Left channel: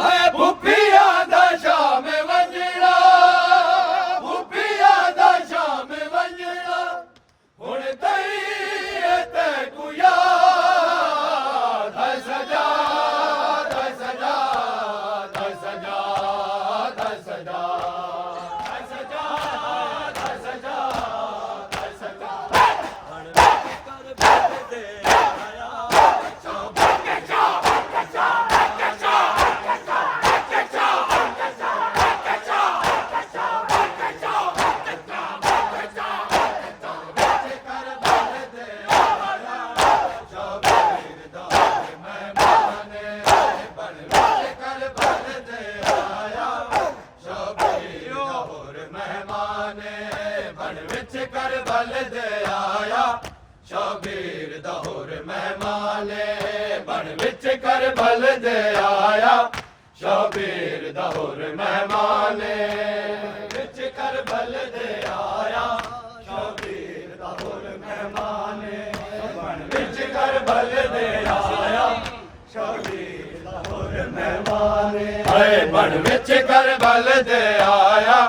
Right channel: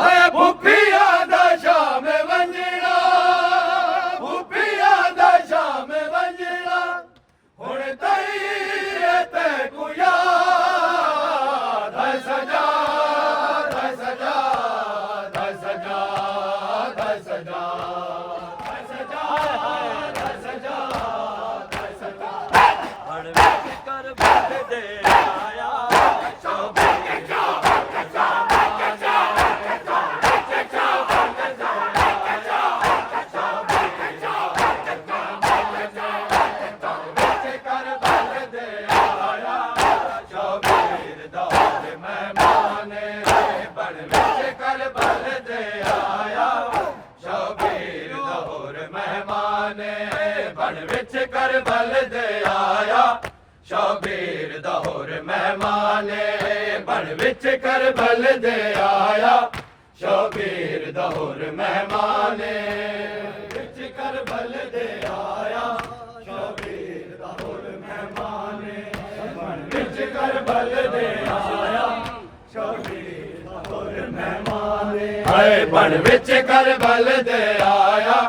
आया भुपिया दा शाम वंजड़ा भुपिया दा शाम वंजड़ा हुण तई ते कुया सजा सजा सजा सजा सजा सजा कर बल दे आया शबीर दौर मेहमाने बन विच कर बल दे आया शबीर दौर मेहमाने विच कर बल दे आया शबीर दौर मेहमाने बन विच कर बल दे आया शबीर दौर मेहमाने बन विच कर बल दे आया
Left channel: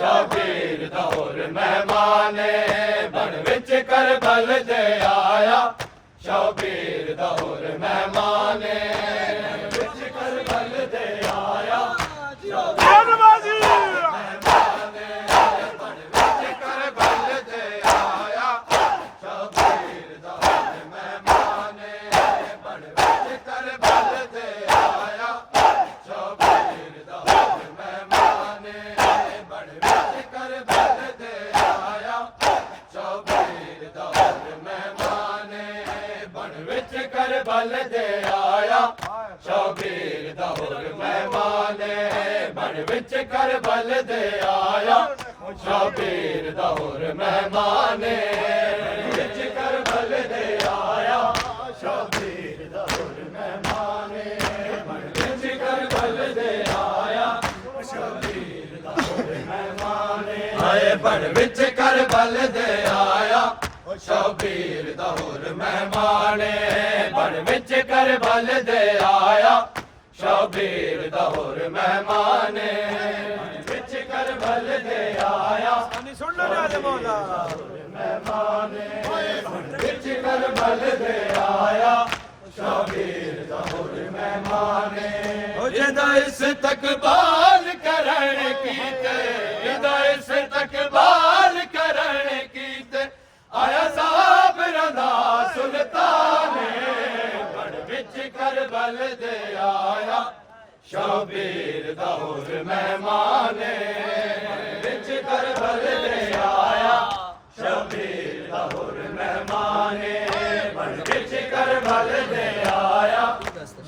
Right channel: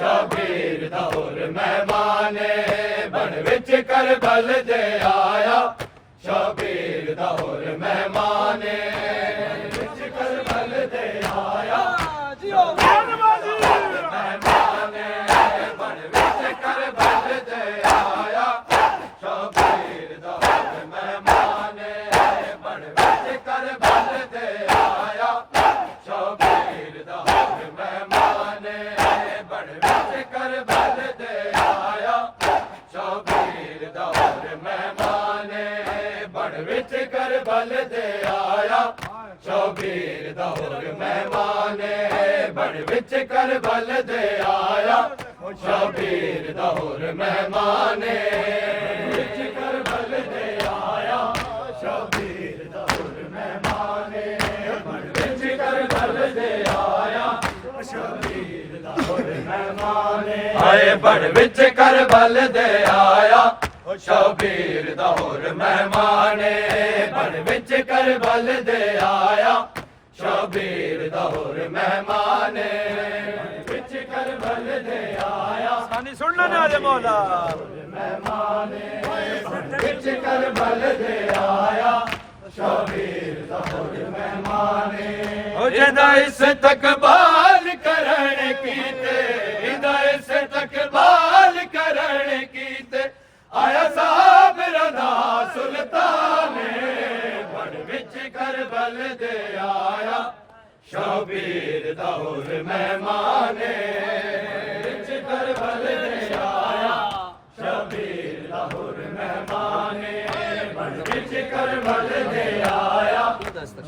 शबीर दौर मेहमाने बन विच कर बल दे आया शबीर दौर मेहमाने विच कर बल दे आया मेहमाने बन विच कर बल दे आया शबीर दौर मेहमाने बन विच कर बल दे आया शबीर दौर मेहमाने बन विच कर बल दे आया शबीर दौर मेहमाने बन विच कर बल दे आया शबीर दौर मेहमाने बन विच कर बल दे आया शबीर दौर मेहमाने विच कर बल दे आया शबीर दौर मेहमाने बन विच कर बल दे आया शबीर दौर मेहमाने बन विच कर बल दे आया शबीर दौर मेहमाने बन विच कर बल दे आया शबीर दौर मेहमाने विच कर बल दे आया सुन लो ना मौला मेहमाने बन विच कर बल दे आया शबीर दौर मेहमाने जिदा इस तकबाल करण कीते जिदा इस तकबाल करण कीते आया साबिर दा सुल्ताने बन विच कर बल दे आया शबीर दौर मेहमाने विच कर बल दे आया शबीर दौर मेहमाने बन विच कर बल दे आया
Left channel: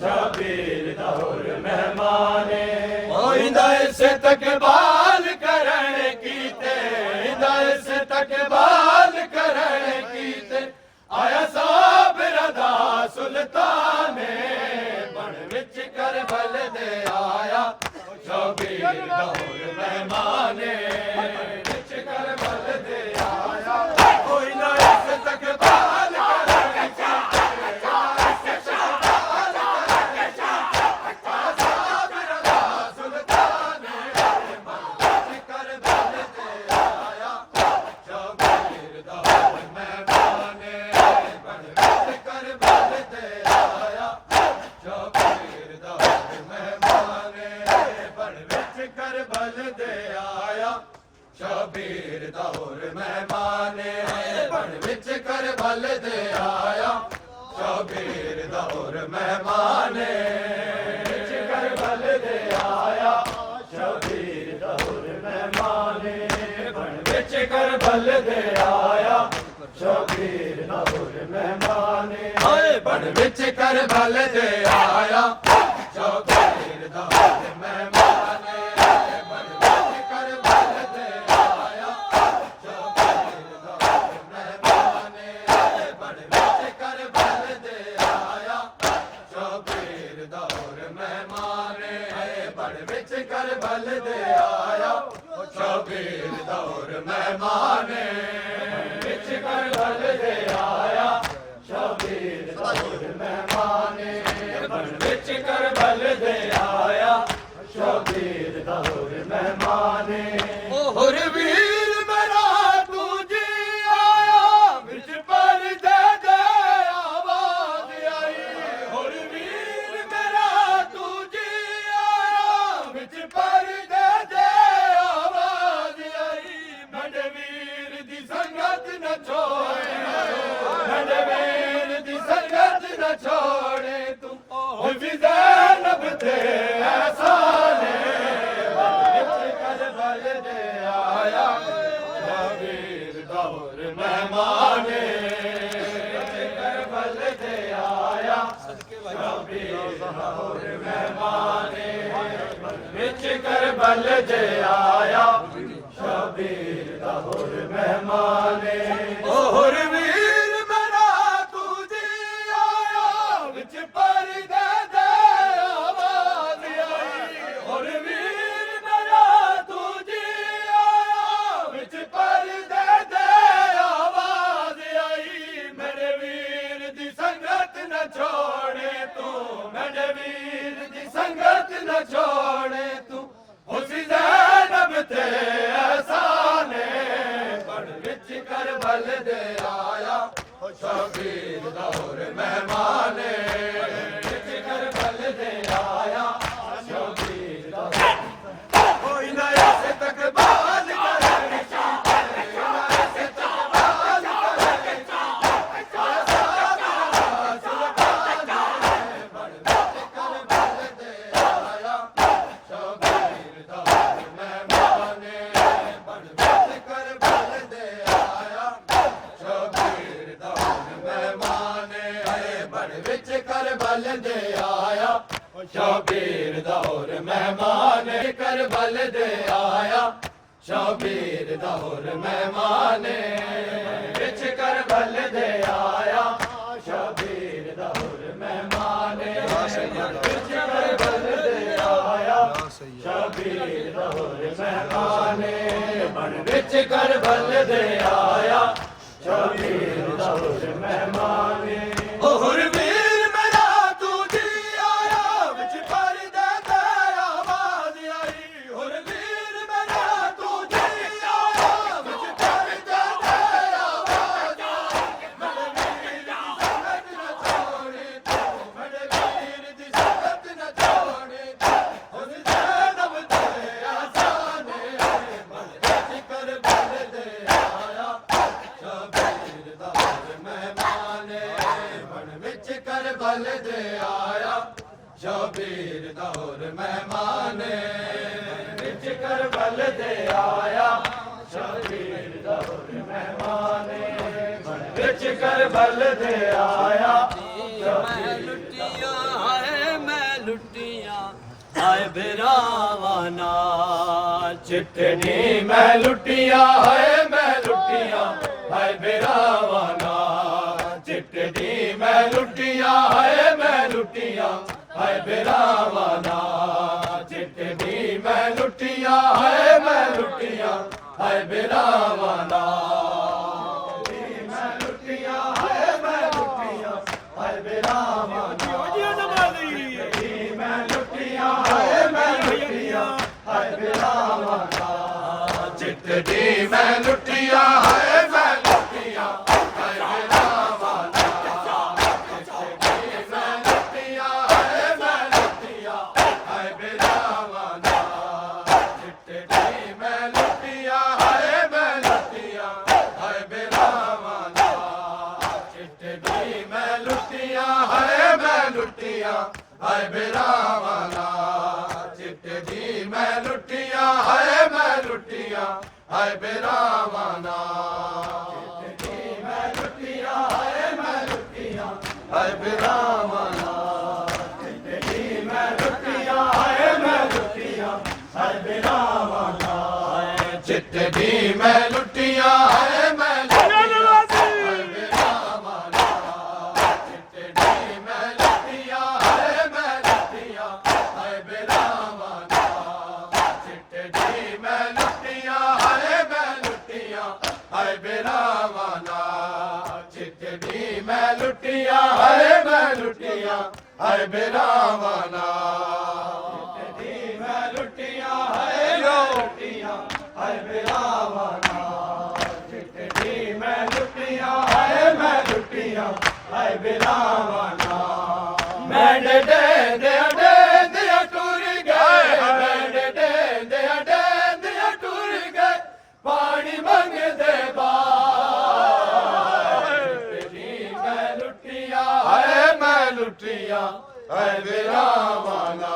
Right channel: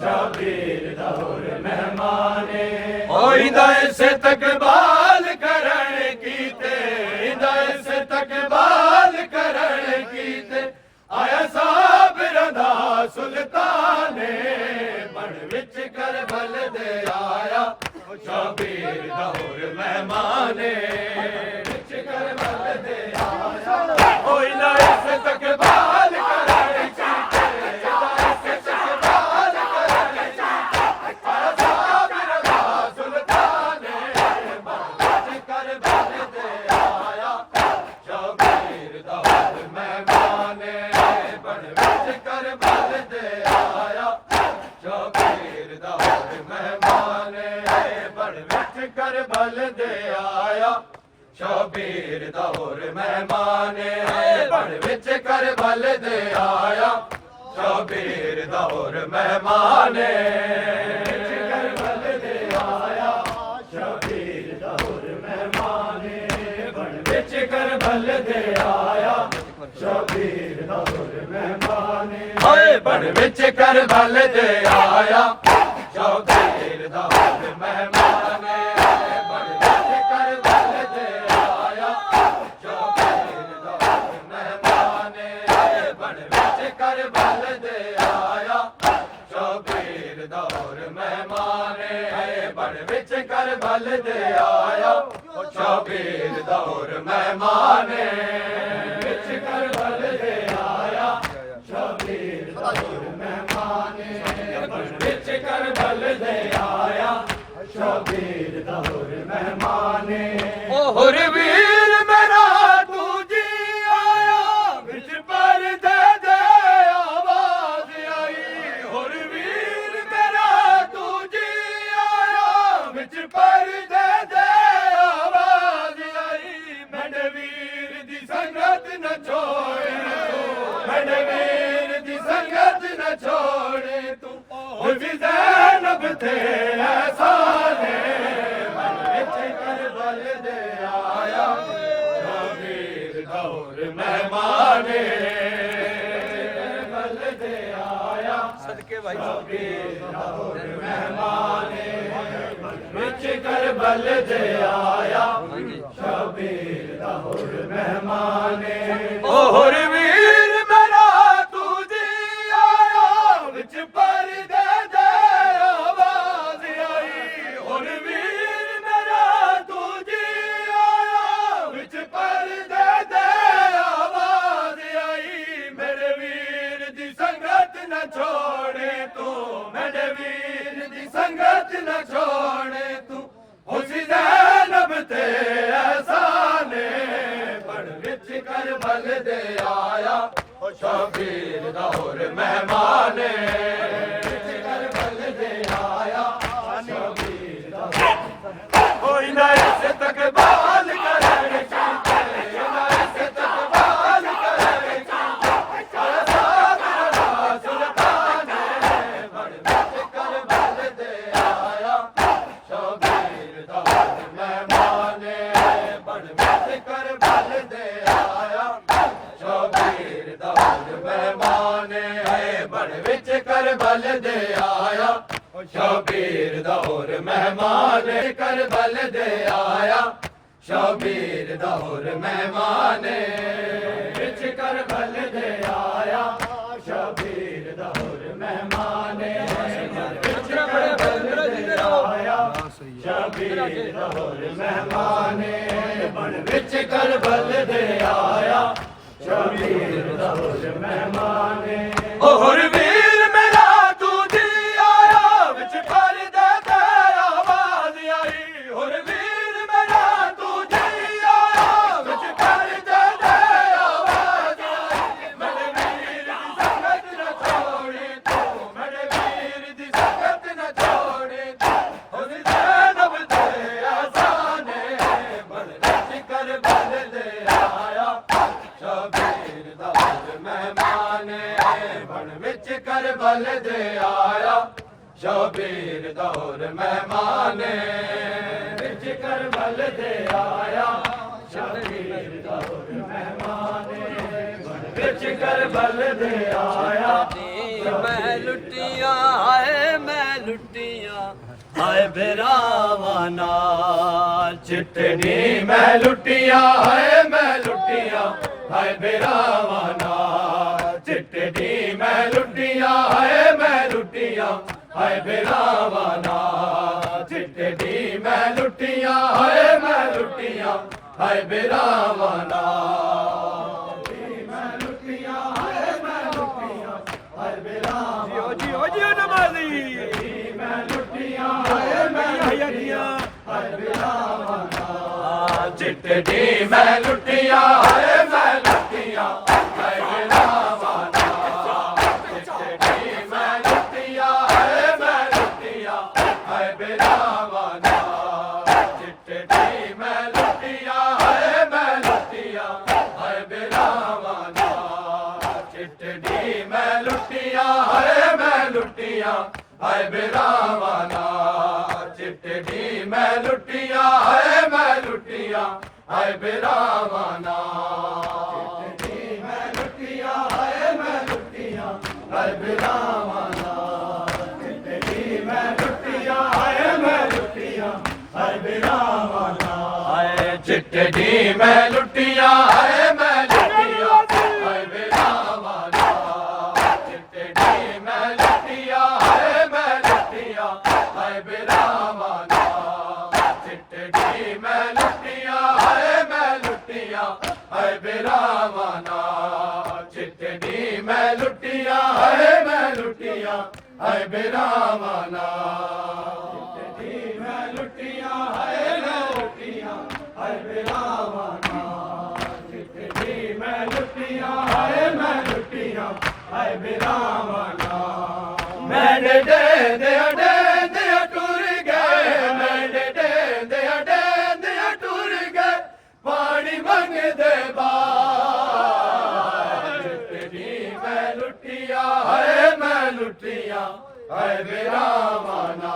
शबीर दौर मेहमाने इंदा इस तकबाल करण कीते इंदा इस तकबाल करण कीते आया साबिर दा सुल्ताने बन विच कर बल दे आया शबीर दौर मेहमाने विच कर बल दे आया इंदा इस तकबाल करण कीते कर बल दे आया शबीर दौर मेहमाने बन विच कर बल दे आया शबीर दौर मेहमाने विच कर बल दे आया शबीर दौर मेहमाने बन विच कर बल दे आया शबीर दौर मेहमाने बन विच कर बल दे आया शबीर दौर मेहमाने बल दे आया शबीर दौर मेहमाने विच कर बल दे आया शबीर दौर मेहमाने ਸ਼ਬੀਰ ਦਾ ਹੋਰ ਮਹਿਮਾਨੇ ਹੋਰ ਵੀਰ ਮੇਰਾ ਤੂੰ ਜੀ ਆਇਆ ਵਿੱਚ ਪਰਦੇ ਦੇ ਆਵਾਜ਼ ਆਈ ਹੋਰ ਵੀਰ ਮੇਰਾ ਤੂੰ ਜੀ ਆਇਆ ਵਿੱਚ ਪਰਦੇ ਦੇ ਆਵਾਜ਼ ਆਈ ਮੇਰੇ ਵੀਰ ਦੀ ਸੰਗਤ ਨਾ ਛੋੜੇ ਮੇਰੇ ਵੀਰ ਦੀ ਸੰਗਤ ਨਾ ਛੋੜੇ ਤੂੰ ਉਹ ਵੀ ਜ਼ੈਨਬ ਤੇ ਐਸਾਨੇ ਵਿੱਚ ਕਰਬਲ ਦੇ ਆਇਆ ਸ਼ਬੀਰ ਦਾ ਹੋਰ ਮਹਿਮਾਨੇ ਕਰਬਲ ਦੇ ਆਇਆ ਸਦਕੇ ਭਾਈ ਸ਼ਬੀਰ ਦਾ ਹੋਰ ਮਹਿਮਾਨੇ ਵਿੱਚ ਕਰਬਲ ਦੇ ਆਇਆ ਸ਼ਬੀਰ ਦਾ ਹੋਰ ਮਹਿਮਾਨੇ ਹੋਰ ਵੀਰ ਮੇਰਾ ਤੂੰ ਜੀ ਆਇਆ ਵਿੱਚ ਪਰਦੇ ਦੇ ਆਵਾਜ਼ ਆਈ ਹੋਰ ਵੀਰ ਮੇਰਾ ਤੂੰ ਜੀ ਆਇਆ ਵਿੱਚ ਪਰਦੇ ਦੇ ਆਵਾਜ਼ ਆਈ ਮੇਰੇ ਵੀਰ ਦੀ ਸੰਗਤ ਨਾ ਛੋੜੇ ਤੂੰ ਮੇਰੇ ਵੀਰ ਦੀ ਸੰਗਤ ਨਾ ਛੋੜੇ ਤੂੰ ਉਸ ਜ਼ੈਨਬ ਤੇ ਐਸਾਨੇ ਪੜ ਵਿੱਚ ਕਰਬਲ ਦੇ ਆਇਆ ਸ਼ਬੀਰ ਦਾ ਹੋਰ ਮਹਿਮਾਨੇ ਵਿੱਚ ਕਰਬਲ ਦੇ ਆਇਆ ਸ਼ਬੀਰ ਦਾ ਕੋਈ ਨਾ ਇਸ ਤਕਬਾਲ ਕਰੇ ਕਰਬਲ ਦੇ ਆਇਆ ਸ਼ਬੀਰ ਦਾ ਹੋਰ ਮਹਿਮਾਨੇ ਕਰਬਲ ਦੇ ਆਇਆ ਸ਼ਬੀਰ ਦਾ ਹੋਰ ਮਹਿਮਾਨੇ ਵਿੱਚ ਕਰਬਲ ਦੇ ਆਇਆ ਸ਼ਬੀਰ ਦਾ ਹੋਰ ਮਹਿਮਾਨੇ ਵਿੱਚ ਕਰਬਲ ਦੇ ਆਇਆ ਸ਼ਬੀਰ ਦਾ ਹੋਰ ਮਹਿਮਾਨੇ ਬਣ ਵਿੱਚ ਕਰਬਲ ਦੇ ਆਇਆ ਸ਼ਬੀਰ ਦਾ ਹੋਰ ਮਹਿਮਾਨੇ ਹੋਰ ਵੀਰ ਮੇਰਾ ਤੂੰ ਜੀ ਆਇਆ ਵਿੱਚ ਪਰਦੇ ਦੇ ਆਵਾਜ਼ ਆਈ ਹੋਰ ਵੀਰ ਮੇਰਾ ਤੂੰ ਜੀ ਆਇਆ ਵਿੱਚ ਪਰਦੇ ਦੇ ਆਵਾਜ਼ ਆਈ ਮੇਰੇ ਵੀਰ ਦੀ ਸੰਗਤ ਨਾ ਛੋੜੇ ਤੂੰ ਮੇਰੇ ਵੀਰ ਦੀ ਸੰਗਤ ਨਾ ਛੋੜੇ ਤੂੰ ਉਹਦੀ ਜ਼ੈਨਬ ਤੇ ਆਸਾਨੇ ਬਲ ਕਰਬਲ ਦੇ ਆਇਆ ਸ਼ਬੀਰ ਦਾ ਹੋਰ ਮਹਿਮਾਨੇ ਬਣ ਵਿੱਚ ਕਰਬਲ ਦੇ ਆਇਆ ਸ਼ਬੀਰ ਦਾ ਹੋਰ ਮਹਿਮਾਨੇ ਵਿੱਚ ਕਰਬਲ ਦੇ ਆਇਆ ਸ਼ਬੀਰ ਦਾ ਹੋਰ ਮਹਿਮਾਨੇ ਬਣ ਵਿੱਚ ਕਰਬਲ ਦੇ ਆਇਆ ਮੈਂ ਲੁੱਟੀਆਂ ਹਾਏ ਮੈਂ ਲੁੱਟੀਆਂ ਹਾਏ ਭਰਾਵਾਂ ਨਾਲ ਚਿੱਤਨੀ ਮੈਂ ਲੁੱਟੀਆਂ ਹਾਏ ਮੈਂ ਲੁੱਟੀਆਂ ਹਾਏ ਭਰਾਵਾਂ ਨਾਲ ਚਿੱਤਨੀ ਮੈਂ ਲੁੱਟੀਆਂ ਹਾਏ ਮੈਂ ਲੁੱਟੀਆਂ ਹਾਏ ਭਰਾਵਾਂ ਨਾਲ ਚਿੱਤਨੀ ਮੈਂ ਲੁੱਟੀਆਂ ਹਾਏ ਮੈਂ ਲੁੱਟੀਆਂ ਹਾਏ ਭਰਾਵਾਂ ਨਾਲ ਮੈਂ ਲੁੱਟੀਆਂ ਹਾਏ ਮੈਂ ਲੁੱਟੀਆਂ ਹਾਏ ਭਰਾਵਾਂ ਜੀ ਨਵਾਲੀ ਮੈਂ ਲੁੱਟੀਆਂ ਹਾਏ ਮੈਂ ਲੁੱਟੀਆਂ ਹਾਏ ਭਰਾਵਾਂ ਨਾਲ ਚਿੱਤਨੀ ਮੈਂ ਲੁੱਟੀਆਂ ਹਾਏ ਮੈਂ ਲੁੱਟੀਆਂ ਹਾਏ ਭਰਾਵਾਂ ਨਾਲ ਚਿੱਤਨੀ ਮੈਂ ਲੁੱਟੀਆਂ ਹਾਏ ਮੈਂ ਲੁੱਟੀਆਂ ਹਾਏ ਭਰਾਵਾਂ ਨਾਲ ਚਿੱਤਨੀ ਮੈਂ ਲੁੱਟੀਆਂ ਹਾਏ ਮੈਂ ਲੁੱਟੀਆਂ ਹਾਏ ਭਰਾਵਾਂ ਨਾਲ ਚਿੱਤਨੀ ਮੈਂ ਲੁੱਟੀਆਂ ਹਾਏ ਮੈਂ ਲੁੱਟੀਆਂ ਹਾਏ ਭਰਾਵਾਂ ਨਾਲ ਚਿੱਤਨੀ ਮੈਂ ਲੁੱਟੀਆਂ ਹਾਏ ਮੈਂ ਲੁੱਟੀਆਂ ਹਾਏ ਭਰਾਵਾਂ ਨਾਲ ਚਿੱਤਨੀ ਮੈਂ ਲੁੱਟੀਆਂ ਹਾਏ ਮੈਂ ਲੁੱਟੀਆਂ ਹਾਏ ਭਰਾਵਾਂ ਨਾਲ ਚਿੱਤਨੀ ਮੈਂ ਲੁੱਟੀਆਂ ਹਾਏ ਮੈਂ ਲੁੱਟੀਆਂ ਹਾਏ ਭਰਾਵਾਂ ਨਾਲ ਚਿੱਤਨੀ ਮੈਂ ਲੁੱਟੀਆਂ ਹਾਏ ਮੈਂ ਲੁੱਟੀਆਂ ਹਾਏ ਭਰਾਵਾਂ ਨਾਲ ਚਿੱਤਨੀ ਮੈਂ ਲੁੱਟੀਆਂ ਹਾਏ ਮੈਂ ਲੁੱਟੀਆਂ ਹਾਏ ਭਰਾਵਾਂ ਨਾਲ ਚਿੱਤਨੀ ਮੈਂ ਲੁੱਟੀਆਂ ਹਾਏ ਮੈਂ ਲੁੱਟੀਆਂ ਹਾਏ ਭਰਾਵਾਂ ਨਾਲ ਚਿੱਤਨੀ ਮੈਂ ਲੁੱਟੀਆਂ ਹਾਏ ਮੈਂ ਲੁੱਟੀਆਂ ਹਾਏ ਭਰਾਵਾਂ ਨਾਲ ਚਿੱਤਨੀ ਮੈਂ हाय बिरावाना चिट्ठी मैं लुटियां हाय मैं लुटियां हाय बिरावाना मैंने दे दिया टूर गए मैंने दे दिया टूर गए पानी मंगदे चिट्ठी मैं लुटियां हाय बिरावाना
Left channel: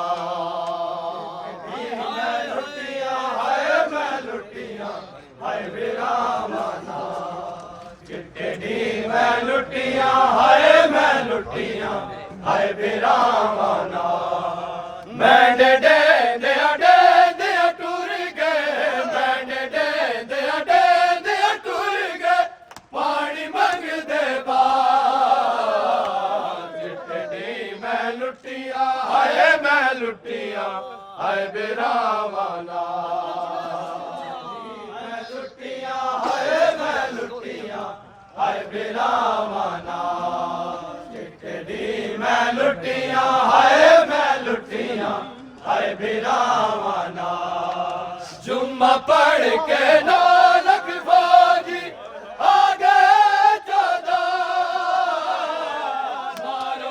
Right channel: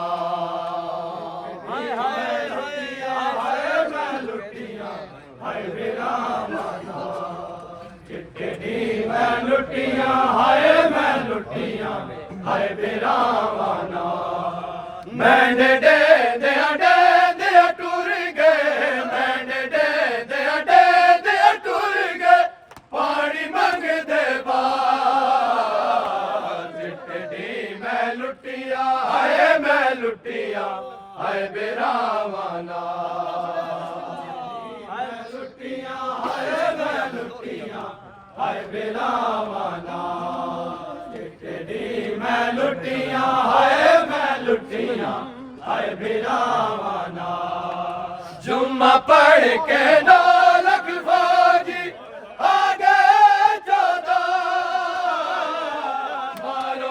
मैं लुटियां हाय बिरावाना मैंने दे दिया टूर गए मैंने दे दिया टूर गए पानी मंगदे चिट्ठी मैं लुटियां हाय बिरावाना हाय बिरावाना चिट्ठी मैं लुटियां हाय बिरावाना जुम्मा पढ़ के 9 लाख फौजी आगे चौदा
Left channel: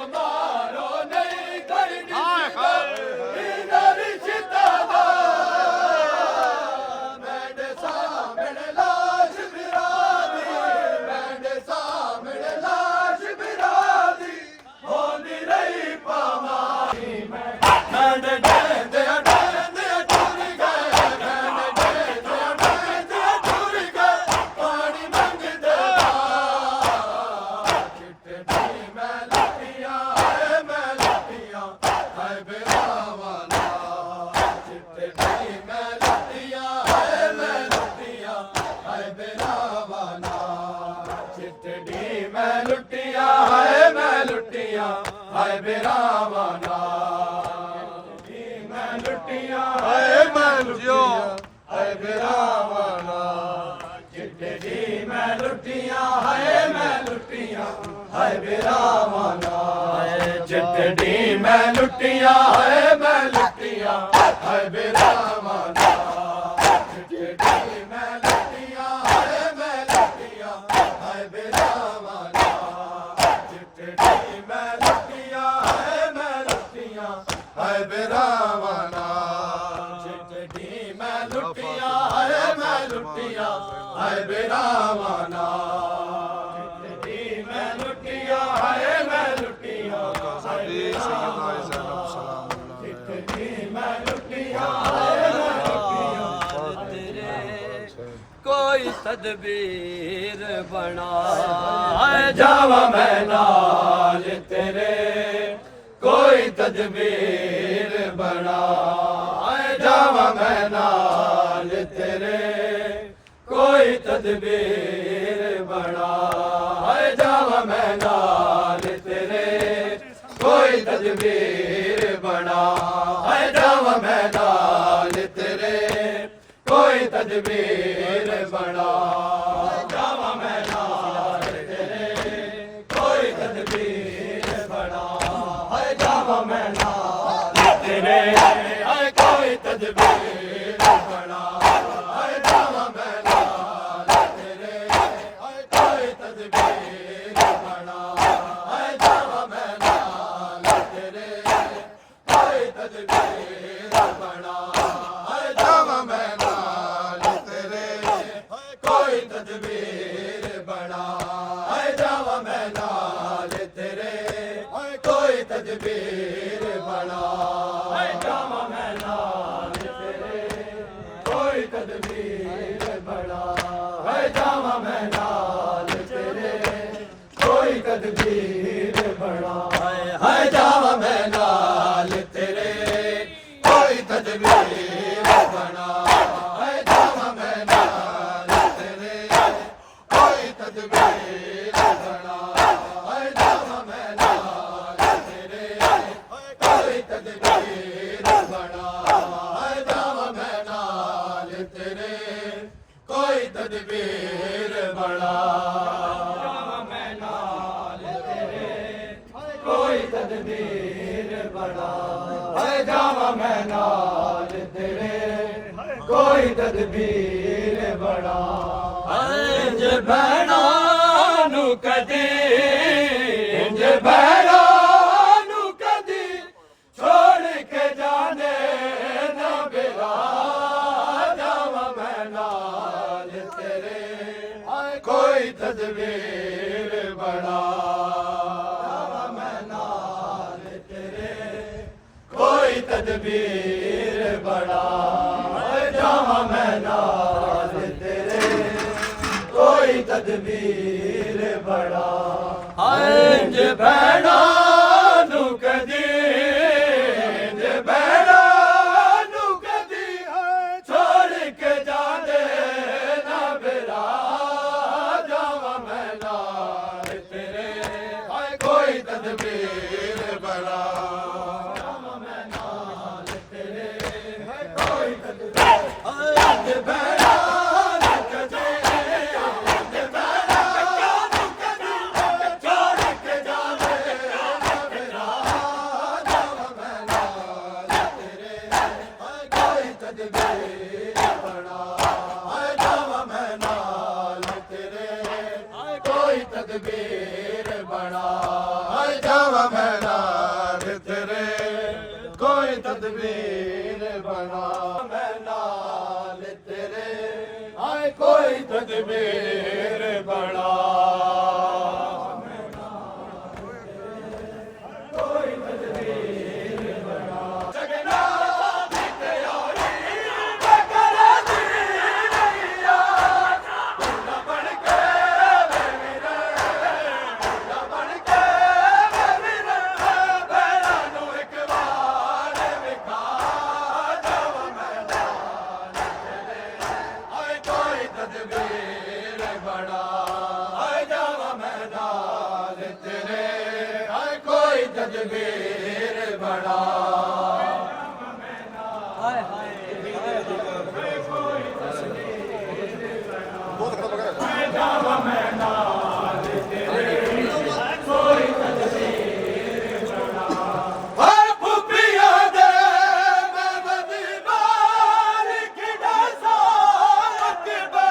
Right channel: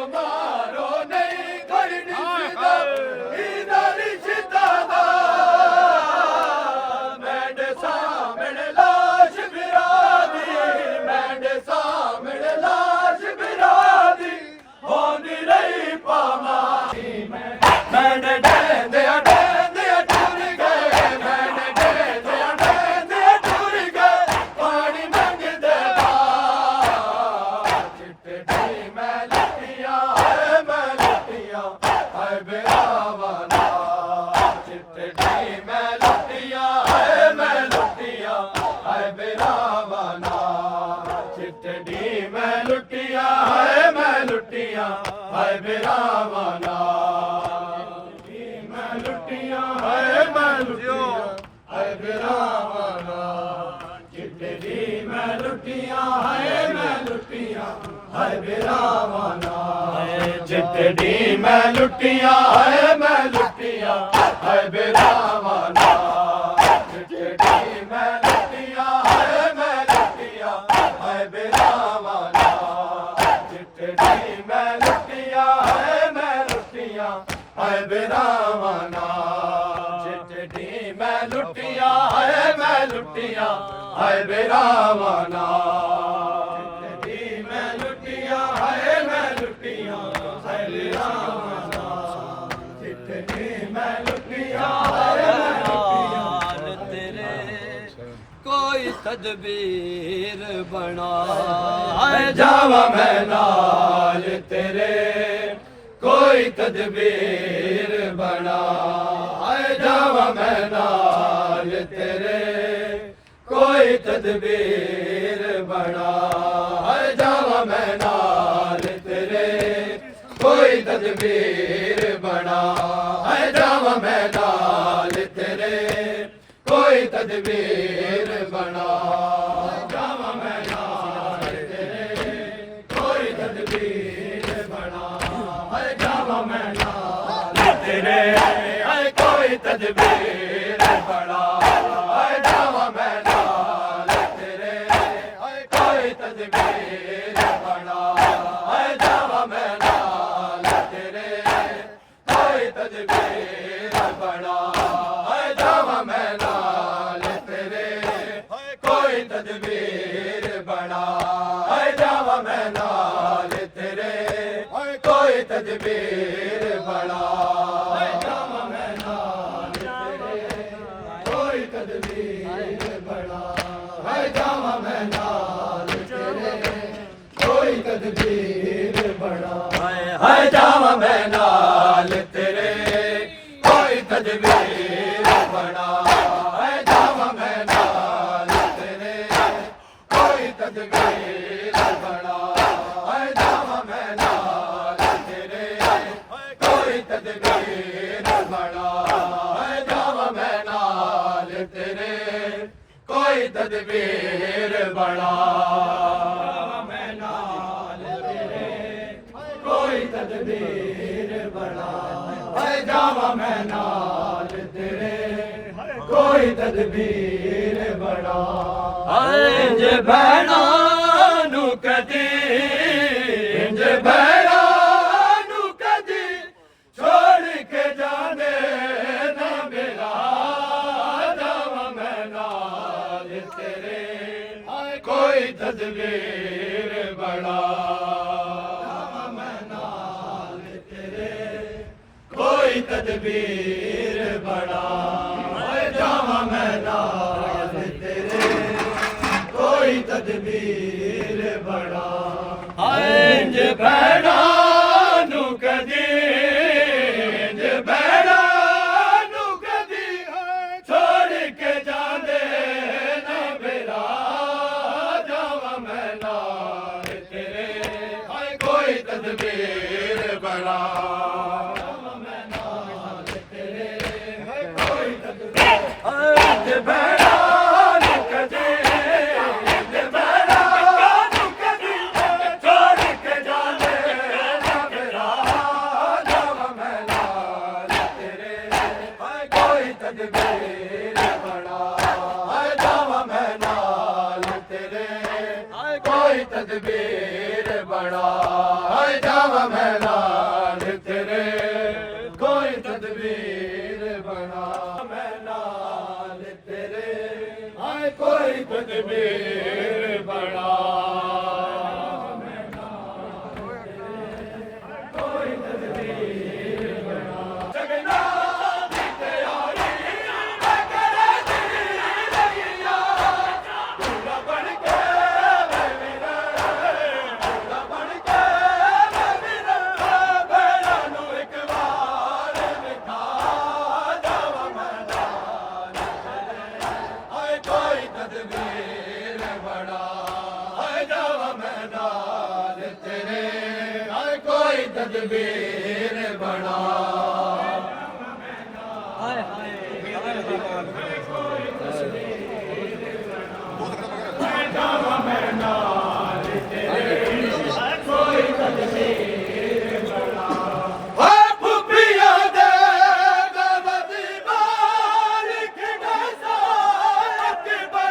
मारो नहीं करनी इधर सितादा मेरे सामने लाश बिरादी मेरे सामने लाश बिरादी होंदी रही पामारी मैंने दे दिया टूर गए मैंने दे दिया टूर गए पानी मंगदे चिट्ठी मैं लुटियां हाय बिरावाना चिट्ठी मैं लुटियां हाय बिरावाना चिट्ठी मैं लुटियां हाय बिरावाना मैं लुटियां हाय बिरावाना चिट्ठी मैं लुटियां हाय बिरावाना चिट्ठी मैं लुटियां हाय बिरावाना चिट्ठी मैं लुटियां हाय बिरावाना चिट्ठी मैं लुटियां हाय बिरावाना चिट्ठी मैं लुटियां हाय बिरावाना चिट्ठी मैं लुटियां हाय बिरावाना चिट्ठी मैं लुटियां तेरे कोई तदबीर बना जावा मैं नाल तेरे कोई तदबीर बना जावा मैं नाल तेरे कोई तदबीर बना जावा मैं नाल तेरे कोई तदबीर बना जावा मैं नाल तेरे कोई तदबीर बना जावा मैं नाल तेरे कोई तदबीर बना जावा मैं नाल तेरे कोई तदबीर बना जावा मैं नाल तेरे कोई तदबीर बना जावा मैं नाल तेरे कोई तदबीर बना जावा मैं नाल तेरे कोई तदबीर बना जावा मैं नाल तेरे कोई तदबीर बना जावा मैं नाल तेरे कोई तदबीर बना जावा मैं नाल तेरे कोई तदबीर बना जावा मैं नाल तेरे कोई तदबीर बना जावा मैं नाल तेरे कोई तदबीर बना जावा मैं नाल तेरे कोई तदबीर बना जावा मैं नाल तेरे कोई तदबीर बना जावा मैं नाल तेरे कोई तदबीर बना जावा मैं नाल तेरे कोई तदबीर बना इंज भैणा नू कदी इंज भैणा नू कदी छोड़ के जाने ना बेरा जावा मैं नाल तेरे कोई तदबीर बना मैं नाल तेरे कोई तदबीर बना जावा मैं नाल तेरे कोई तदबीर बना इंज भैणा नू कदी इंज भैणा नू कदी छोड़ के जांदे ना बेरा जावा मैं नाल तेरे कोई तदबीर बना जावा मैं नाल तेरे कोई तदबीर इंज भैणा नू कदी इंज भैणा नू कदी छोड़ के जांदे ना बेरा जावा मैं नाल तेरे कोई तदबीर बना जावा मैं नाल तेरे कोई तदबीर बना जावा मैं नाल तेरे कोई तदबीर बना मैं नाल तेरे कोई तदबीर बना जगना की तैयारी मैं करा दी रहिया दूल्हा बन के मैं मेरा दूल्हा बन के मैं मेरा भैया नू एक बार विखा जावा मैं नाल तेरे कोई तदबीर बना जावा मैं नाल तेरे कोई तदबीर बना हाय हाय फुफिया दे बदी बारिक डसा अकबे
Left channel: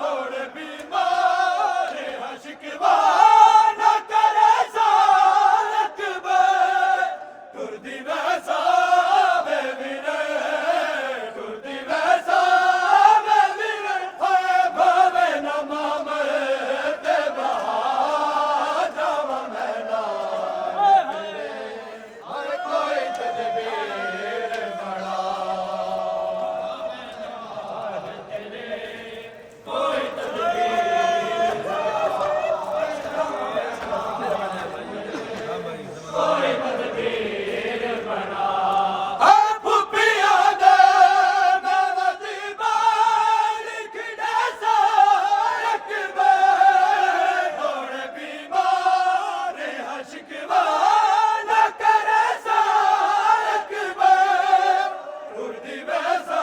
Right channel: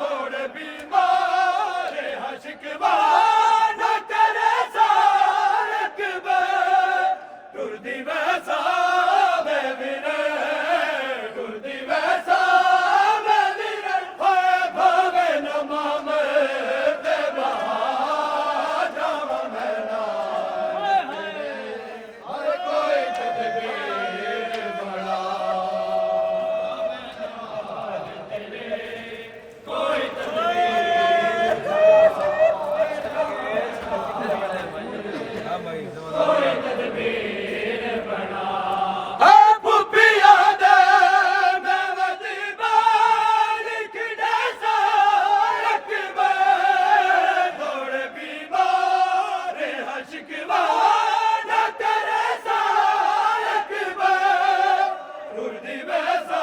थोड़ बीमार हशकबा न करे सारकबे टुरदी वैसा बेविरे टुरदी वैसा बेविरे भावे न माम ते बहा जावा मैं नाल कोई तदबीर बना कोई तदबीर बना फुफिया दे बदी बारिक डसा अकबे थोड़ बीमार हशकबा न करे सारकबे टुरदी वैसा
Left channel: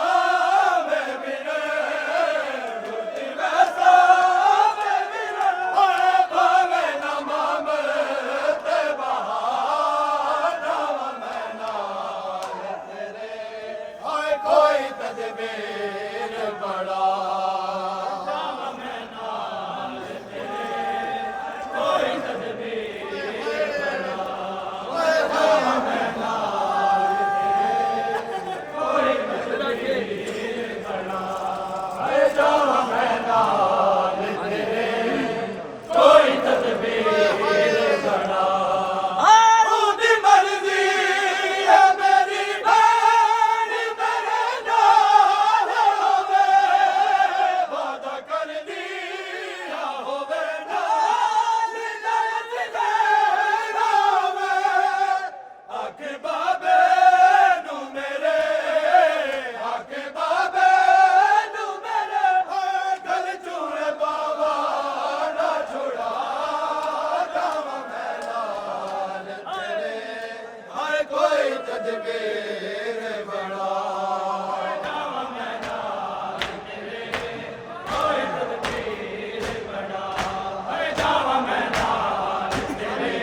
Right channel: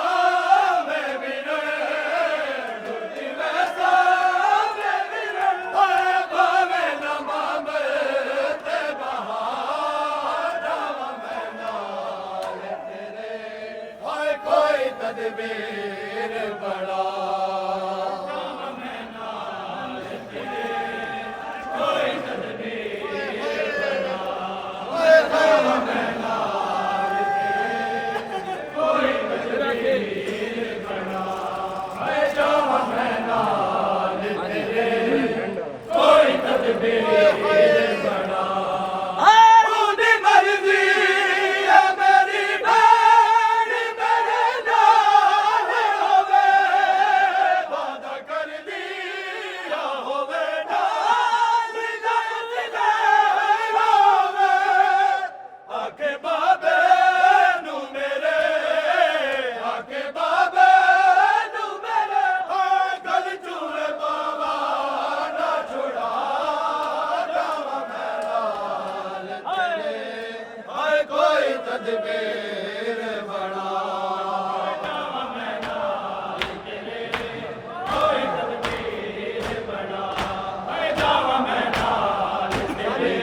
बेविरे टुरदी वैसा बेविरे भावे न माम ते बहा जावा मैं नाल तेरे कोई तदबीर बना जावा मैं नाल तेरे कोई तदबीर बना जावा मैं नाल तेरे कोई तदबीर बना जावा मैं नाल तेरे कोई तदबीर बना ਉਹਦੀ ਮਰਜ਼ੀ ਹੈ ਮੇਰੀ ਭੈਣ ਮੇਰੇ ਨਾਲ ਹੋਵੇ ਵਾਦਾ ਕਰਦੀ ਨਾ ਹੋਵੇ ਨਾਲ ਜਦ ਹੋਵੇ ਆਕੇ ਬਾਬੇ ਨੂੰ ਮੇਰੇ ਆਕੇ ਬਾਬੇ ਨੂੰ ਮੇਰੇ ਗਲ ਚੂਰ ਬਾਵਾ ਨਾ ਛੁੜਾ ਜਾਵਾ ਮੈਂ ਨਾਲ ਤੇਰੇ कोई तदबीर बना जावा मैं नाल तेरे कोई तदबीर बना जावा मैं नाल तेरे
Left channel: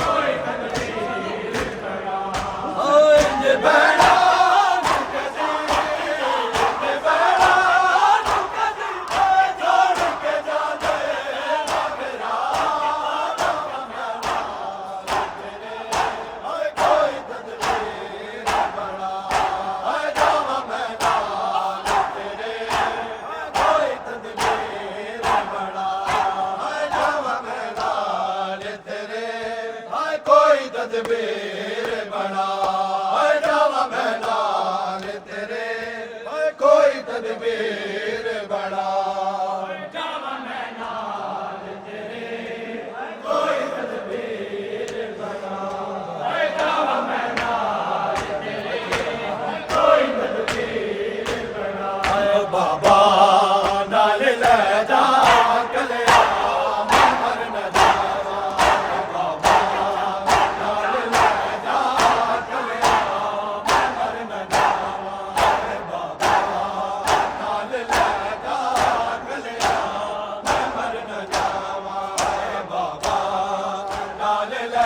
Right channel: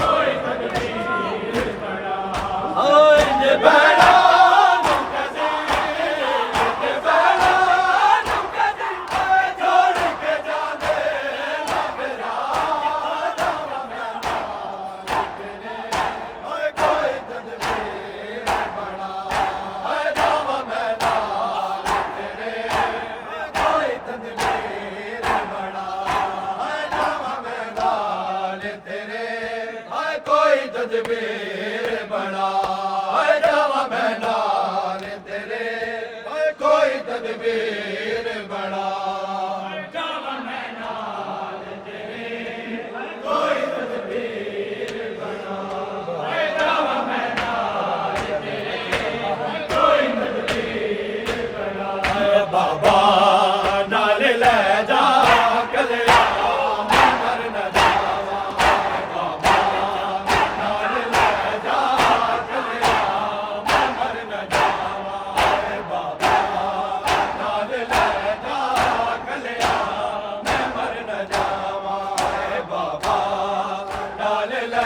कोई तदबीर बना इंज भैणा नू कदी कोई तदबीर बना जावा मैं नाल तेरे कोई तदबीर बना जावा मैं नाल तेरे कोई तदबीर बना जावा मैं नाल तेरे कोई तदबीर बना बाबा नाल ले जा कलिया मैं मर न जावा बाबा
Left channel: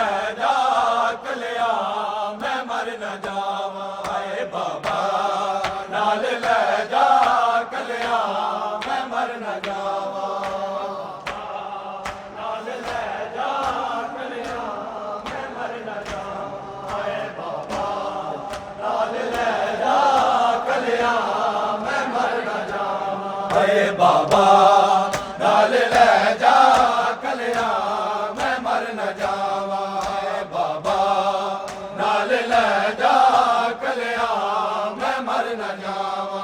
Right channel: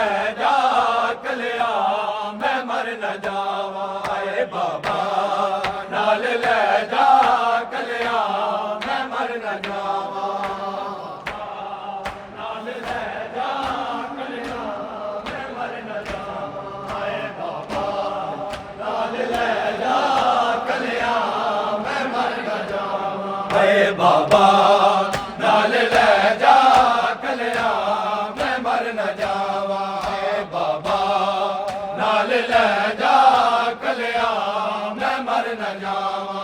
नाल ले जा कलिया मैं मर न जावा बाबा नाल ले जा कलिया मैं मर न जावा बाबा नाल ले जा कलिया मैं मर न जावा बाबा नाल ले जा कलिया मैं मर न जावा नाल ले जा कलिया मैं मर न जावा बाबा नाल ले जा कलिया मैं मर न जावा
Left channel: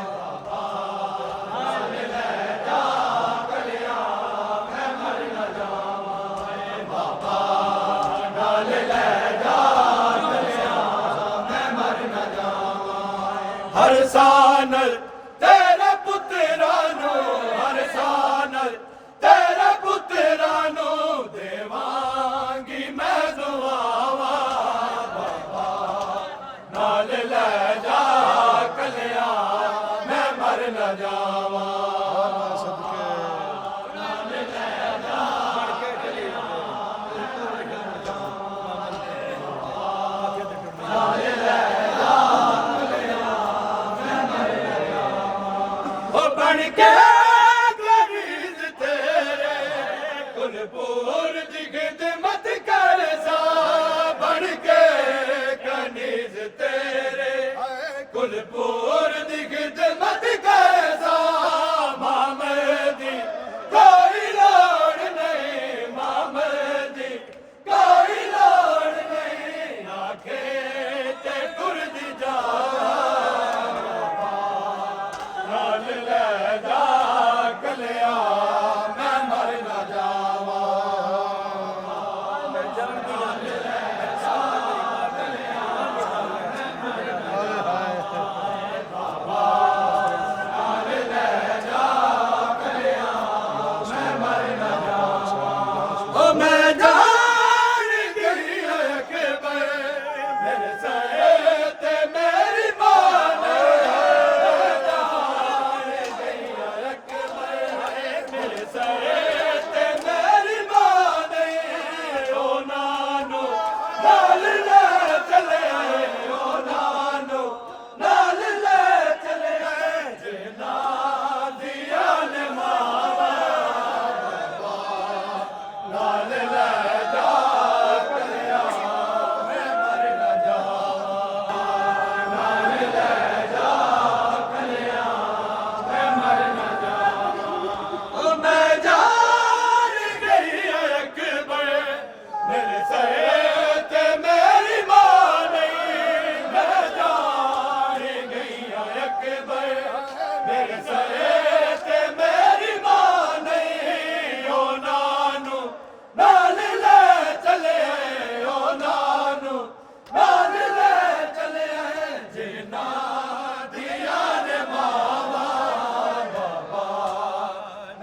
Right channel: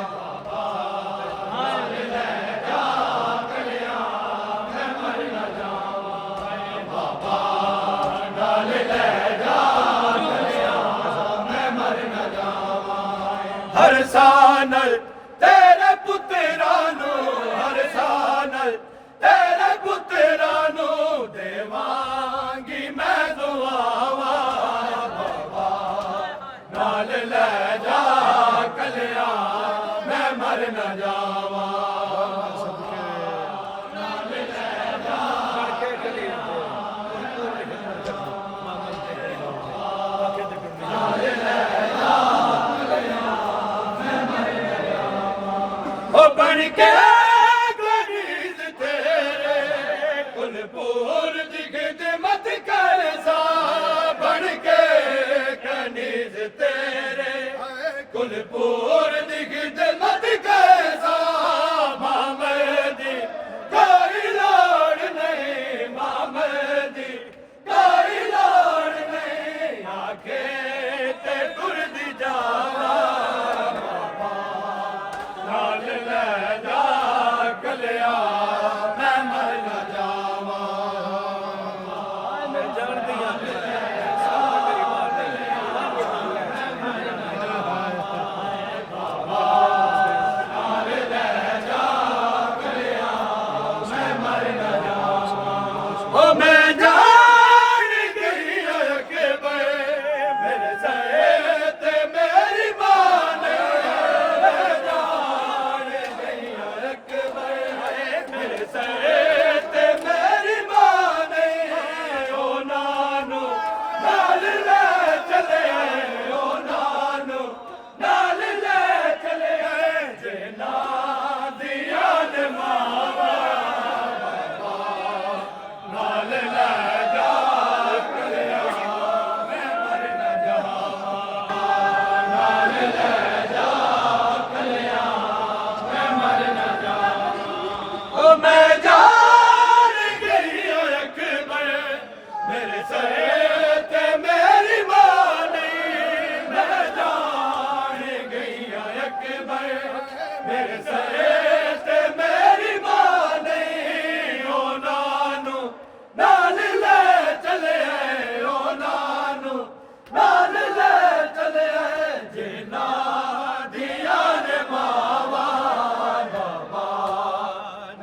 बाबा नाल ले जा कलिया मैं मर न जावा बाबा नाल ले जा कलिया मैं मर न जावा हर सानल तेरे पुत्रानु हर सानल तेरे पुत्रानु देवांगी मैं दुआवा बाबा नाल ले जा कलिया मैं मर न जावा ओ बन के गरीब तेरे कुलपुर जिगद मत कर सा बन के कनीज तेरे कुलपुर जिगद मत कर सा मामदी कोई लोड़ नहीं मामदी कोई लोड़ नहीं आखे ते गुरद जावा नाल ले जा कलिया मैं मर न जावा ओ मैं जान गई अकबर मेरे सहे ते मेरी बान जान गई अकबर मेरे सहे ते मेरी बान ओ नानू नाल ले चले ओ नानू नाल ले चले जे ना दिया ने मावा नाल ले जा कलिया मैं मर न जावा नाल ले जा कलिया मैं मर न जावा ओ मैं जान गई अकबर मेरे सहे ते मेरी मां नहीं मैं जान गई अकबर मेरे सहे ते मेरी मां नहीं ओ नानू नाल ले चले ओ नानू नाल ले चले जे ना दिया ने मावा बाबा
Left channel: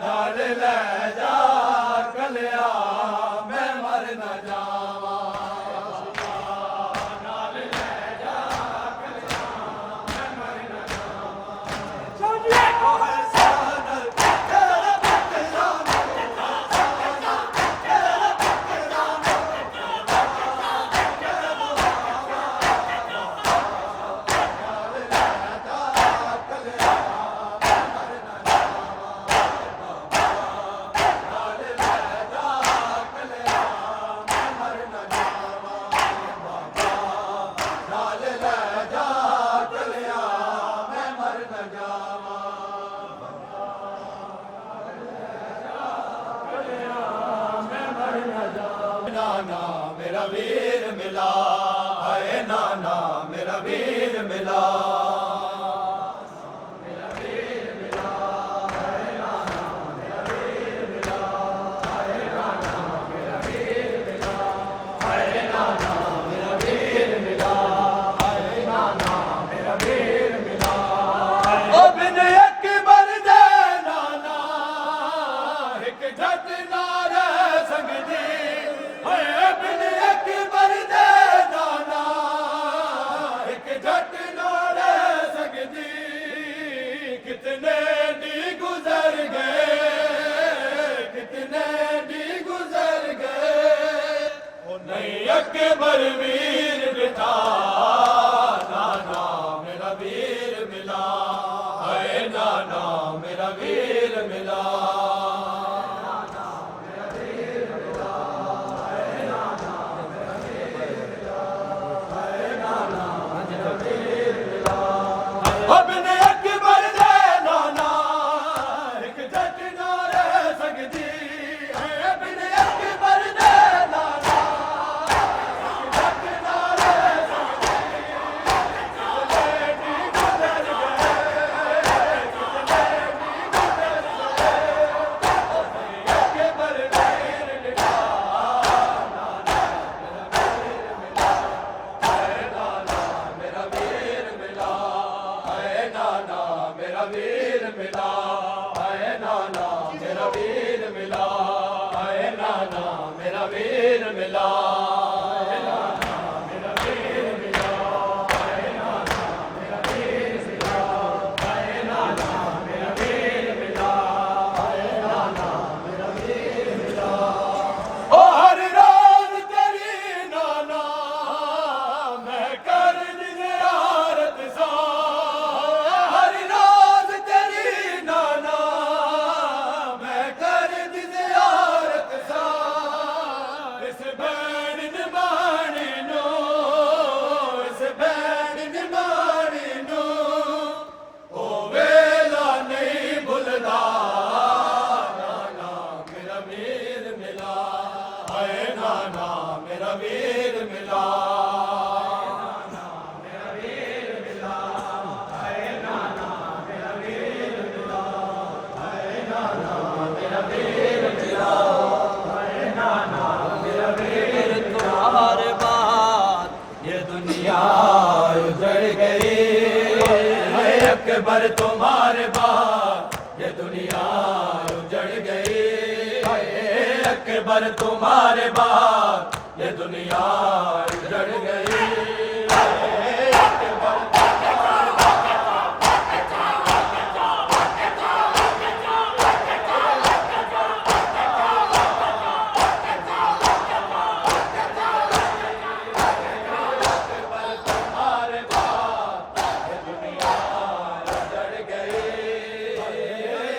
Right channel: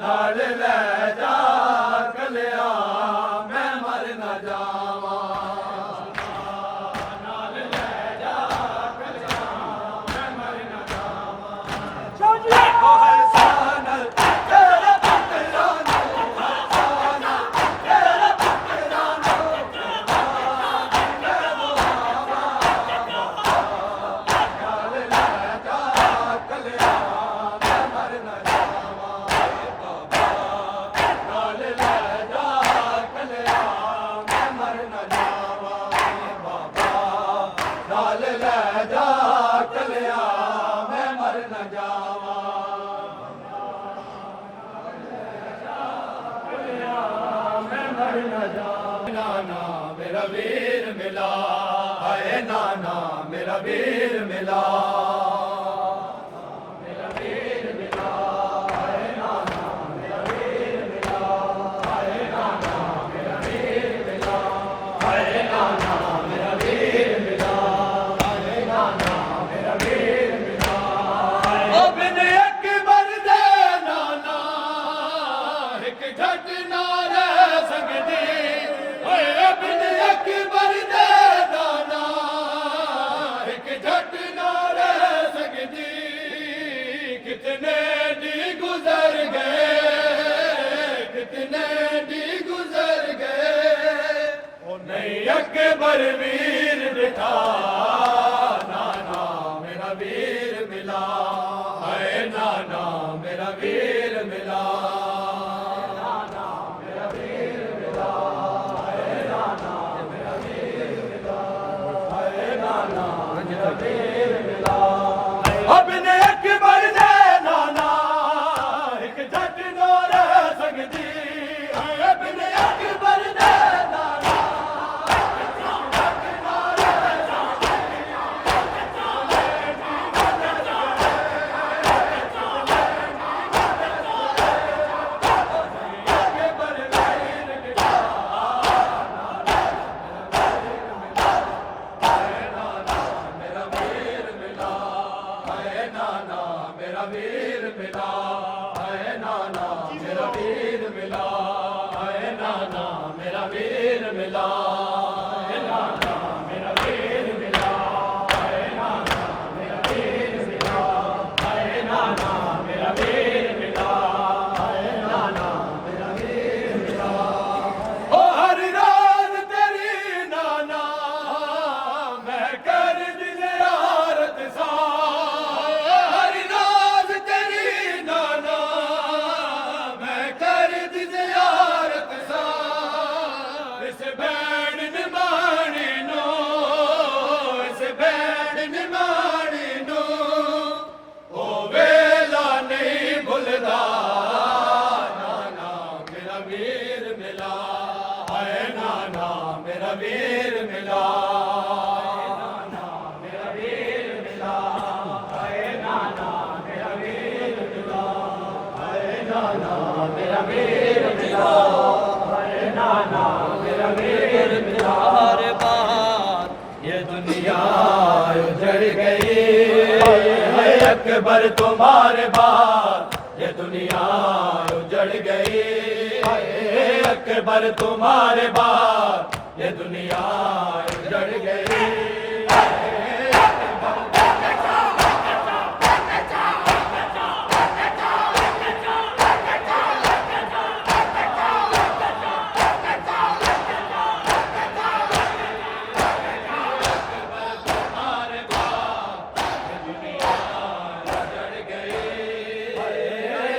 नाल ले जा कलिया मैं मर न जावा नाल ले जा कलिया मैं मर न जावा हर सानल तेरे पुत्रानु ना मेरा वीर मिला, हाय नाना मेरा वीर मिला। अकबर वीर दिखा, नाना मेरा वीर मिला, हाय नाना मेरा वीर मिला। मेरा वीर मिला, मेरा वीर मिला, हाय नाना मेरा वीर मिला, हाय नाना मेरा वीर मिला, हाय नाना मेरा वीर मिला। तुम्हारे बाद ये दुनिया उजड़ गई, हाय अकबर तुम्हारे बाद ये दुनिया उजड़ गई, अकबर तुम्हारे बाद ये दुनिया उजड़ गई।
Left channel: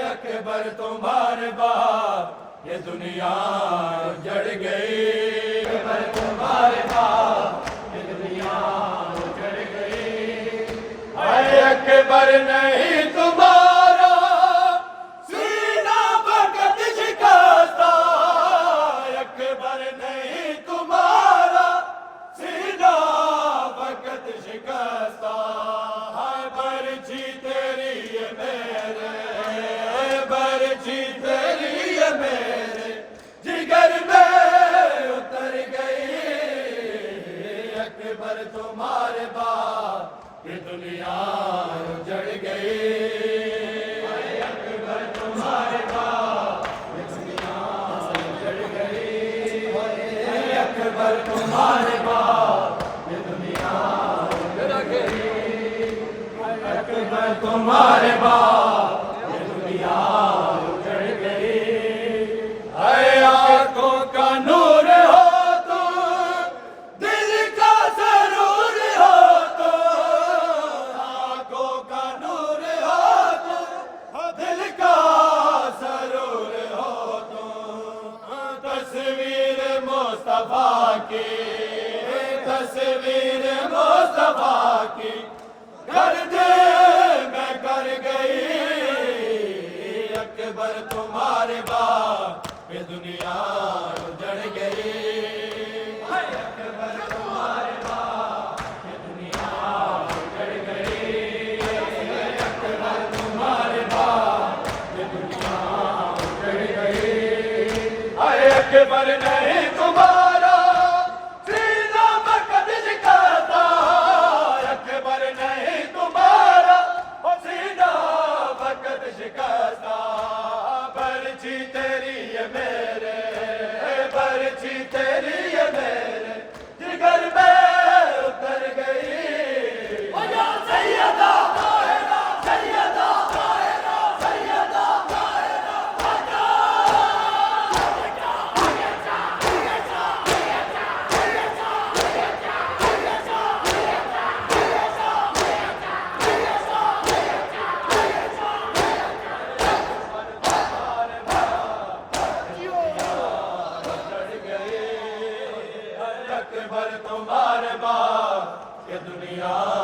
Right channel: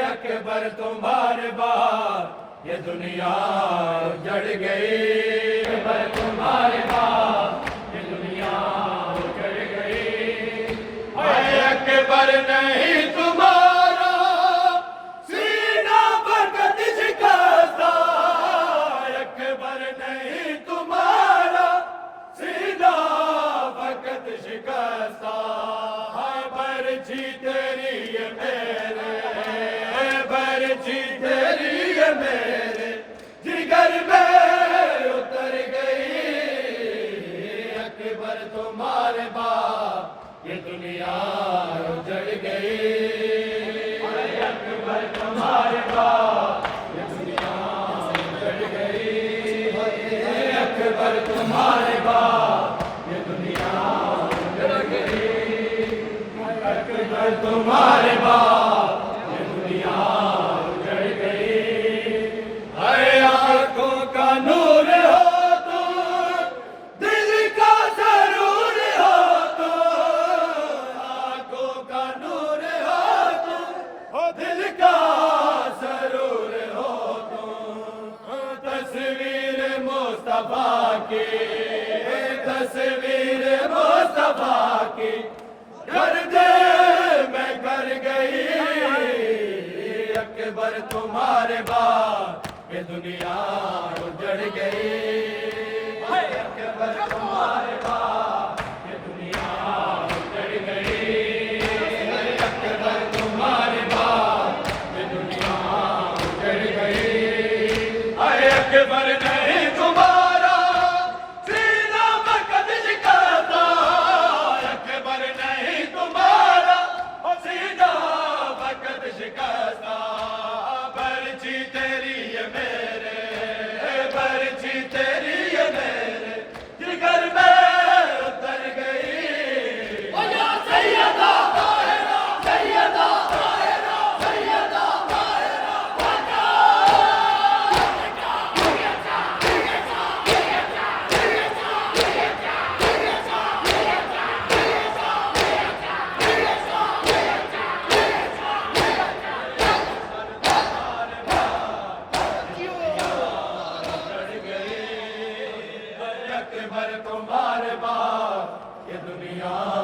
अकबर तुम्हारे बाद ये दुनिया उजड़ गई, अकबर तुम्हारे बाद ये दुनिया उजड़ गई। अकबर नहीं तुम्हारा सीना फकत शिकस्ता, अकबर नहीं तुम्हारा सीना फकत शिकस्ता, हाय बरछी तेरी ये मेरे, बरछी तेरी ये मेरे जिगर में उतर गई। अकबर तुम्हारे बाद ये दुनिया उजड़ गई, अकबर तुम्हारे बाद ये दुनिया उजड़ गई, अकबर तुम्हारे बाद ये दुनिया उजड़ गई, अकबर तुम्हारे बाद ये दुनिया उजड़ गई। अरे आंखों का नूर हो तो, दिल का सरूर हो तो, आंखों का नूर हो तो, दिल का सरूर हो तो, तस्वीर मुस्तफा की, तस्वीर मुस्तफा की कर दे मैं कर गई। अकबर तुम्हारे बाद ये दुनिया उजड़ गई। अकबर तुम्हारे बाद ये दुनिया